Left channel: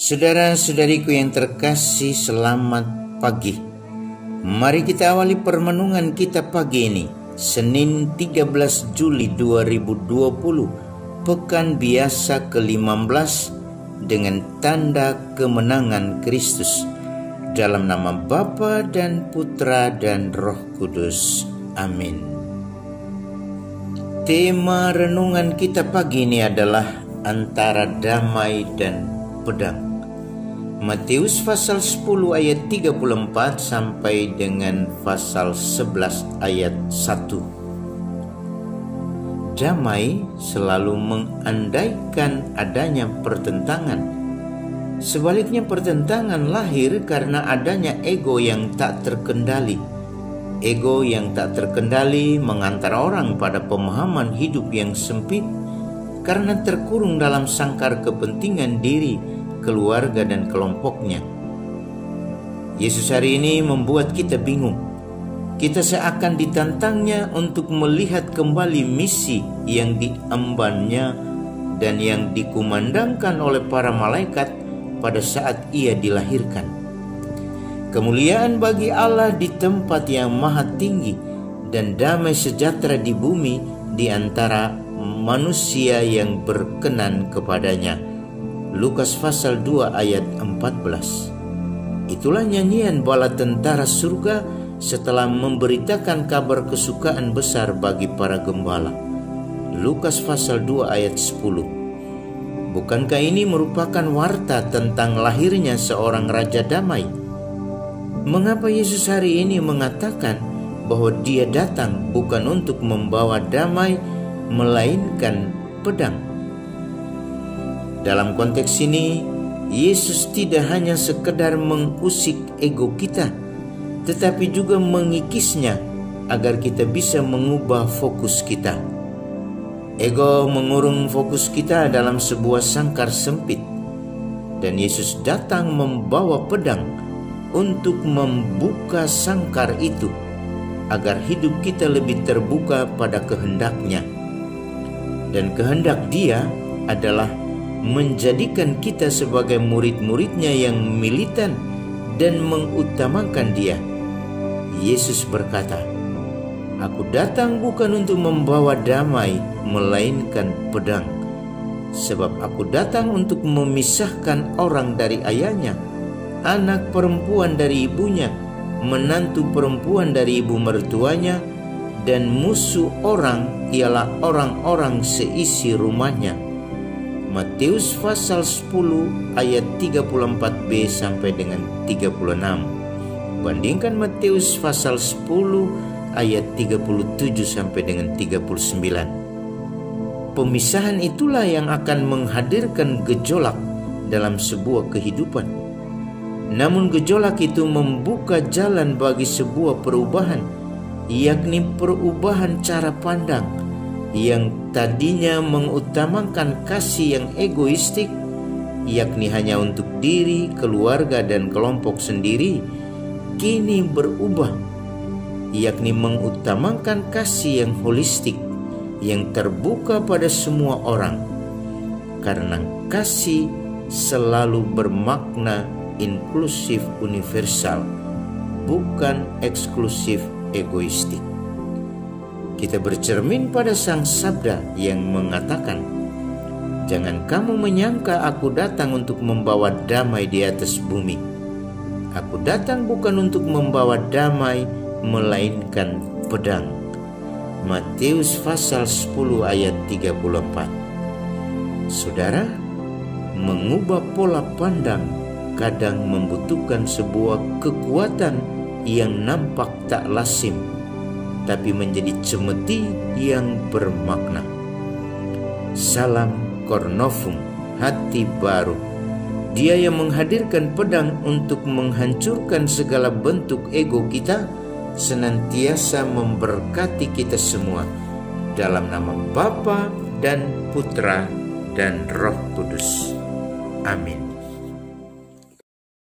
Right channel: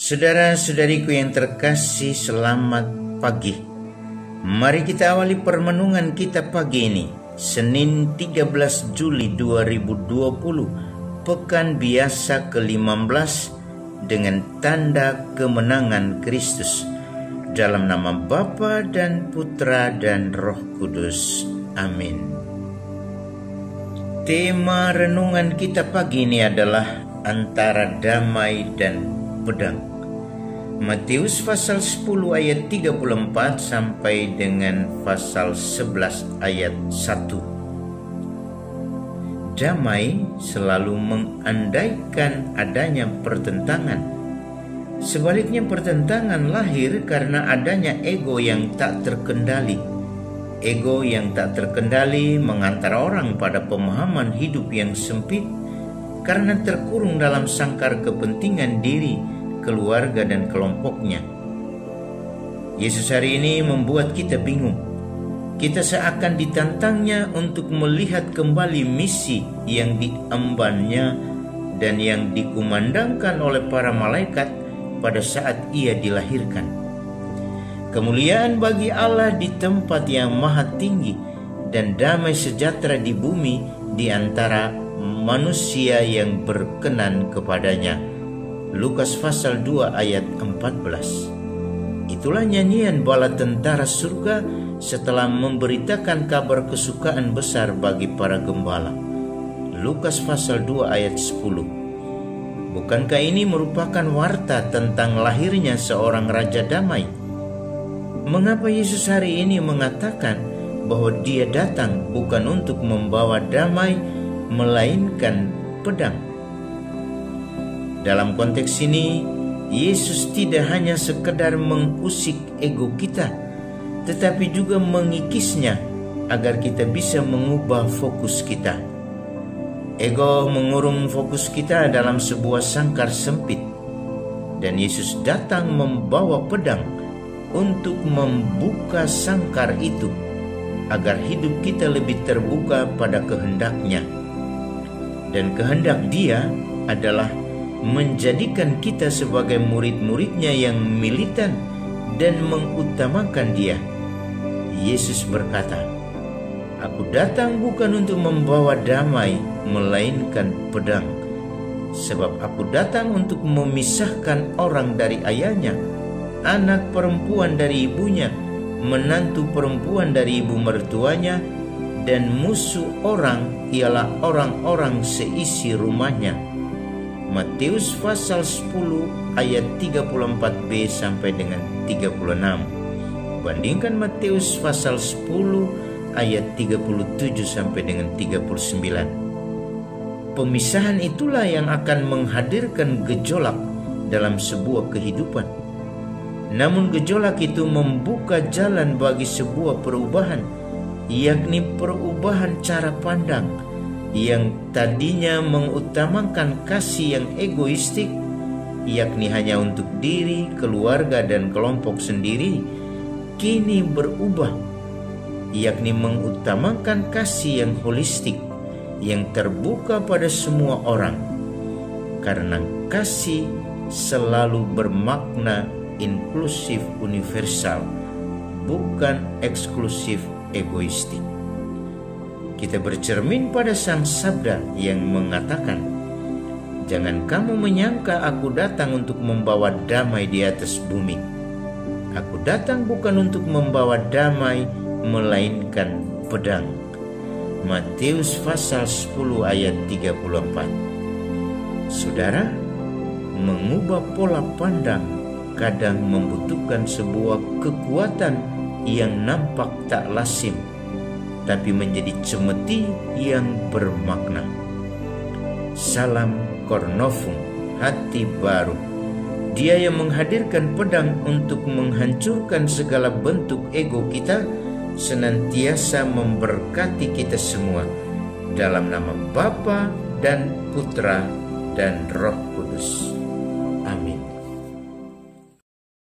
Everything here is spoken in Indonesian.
Saudara-saudariku yang terkasih, selamat pagi. Mari kita awali permenungan kita pagi ini, Senin 13 Juli 2020, Pekan Biasa ke-15, dengan tanda kemenangan Kristus. Dalam nama Bapa dan Putra dan Roh Kudus. Amin. Tema renungan kita pagi ini adalah antara damai dan pedang. Matius pasal 10 ayat 34 sampai dengan pasal 11 ayat 1. Damai selalu mengandaikan adanya pertentangan. Sebaliknya, pertentangan lahir karena adanya ego yang tak terkendali. Ego yang tak terkendali mengantar orang pada pemahaman hidup yang sempit karena terkurung dalam sangkar kepentingan diri, keluarga, dan kelompoknya. Yesus hari ini membuat kita bingung. Kita seakan ditantangnya untuk melihat kembali misi yang diembannya dan yang dikumandangkan oleh para malaikat pada saat ia dilahirkan. Kemuliaan bagi Allah di tempat yang maha tinggi dan damai sejahtera di bumi di antara manusia yang berkenan kepadanya. Lukas pasal 2 ayat 14. Itulah nyanyian bala tentara surga setelah memberitakan kabar kesukaan besar bagi para gembala. Lukas pasal 2 ayat 10. Bukankah ini merupakan warta tentang lahirnya seorang raja damai? Mengapa Yesus hari ini mengatakan bahwa dia datang bukan untuk membawa damai, melainkan pedang? Dalam konteks ini, Yesus tidak hanya sekedar mengusik ego kita, tetapi juga mengikisnya agar kita bisa mengubah fokus kita. Ego mengurung fokus kita dalam sebuah sangkar sempit, dan Yesus datang membawa pedang untuk membuka sangkar itu agar hidup kita lebih terbuka pada kehendaknya. Dan kehendak Dia adalah menjadikan kita sebagai murid-muridnya yang militan dan mengutamakan Dia. Yesus berkata, "Aku datang bukan untuk membawa damai, melainkan pedang. Sebab aku datang untuk memisahkan orang dari ayahnya, anak perempuan dari ibunya, menantu perempuan dari ibu mertuanya, dan musuh orang ialah orang-orang seisi rumahnya." Matius pasal 10 ayat 34b sampai dengan 36. Bandingkan Matius pasal 10 ayat 37 sampai dengan 39. Pemisahan itulah yang akan menghadirkan gejolak dalam sebuah kehidupan. Namun gejolak itu membuka jalan bagi sebuah perubahan, yakni perubahan cara pandang yang tadinya mengutamakan kasih yang egoistik, yakni hanya untuk diri, keluarga, dan kelompok sendiri, kini berubah, yakni mengutamakan kasih yang holistik, yang terbuka pada semua orang. Karena kasih selalu bermakna inklusif universal, bukan eksklusif egoistik. Kita bercermin pada Sang Sabda yang mengatakan, "Jangan kamu menyangka aku datang untuk membawa damai di atas bumi. Aku datang bukan untuk membawa damai, melainkan pedang." Matius pasal 10 ayat 34. Saudara, mengubah pola pandang kadang membutuhkan sebuah kekuatan yang nampak tak lazim, tapi menjadi cemeti yang bermakna. Salam Cornovum, hati baru. Dia yang menghadirkan pedang untuk menghancurkan segala bentuk ego kita, senantiasa memberkati kita semua. Dalam nama Bapa dan Putra dan Roh Kudus. Amin.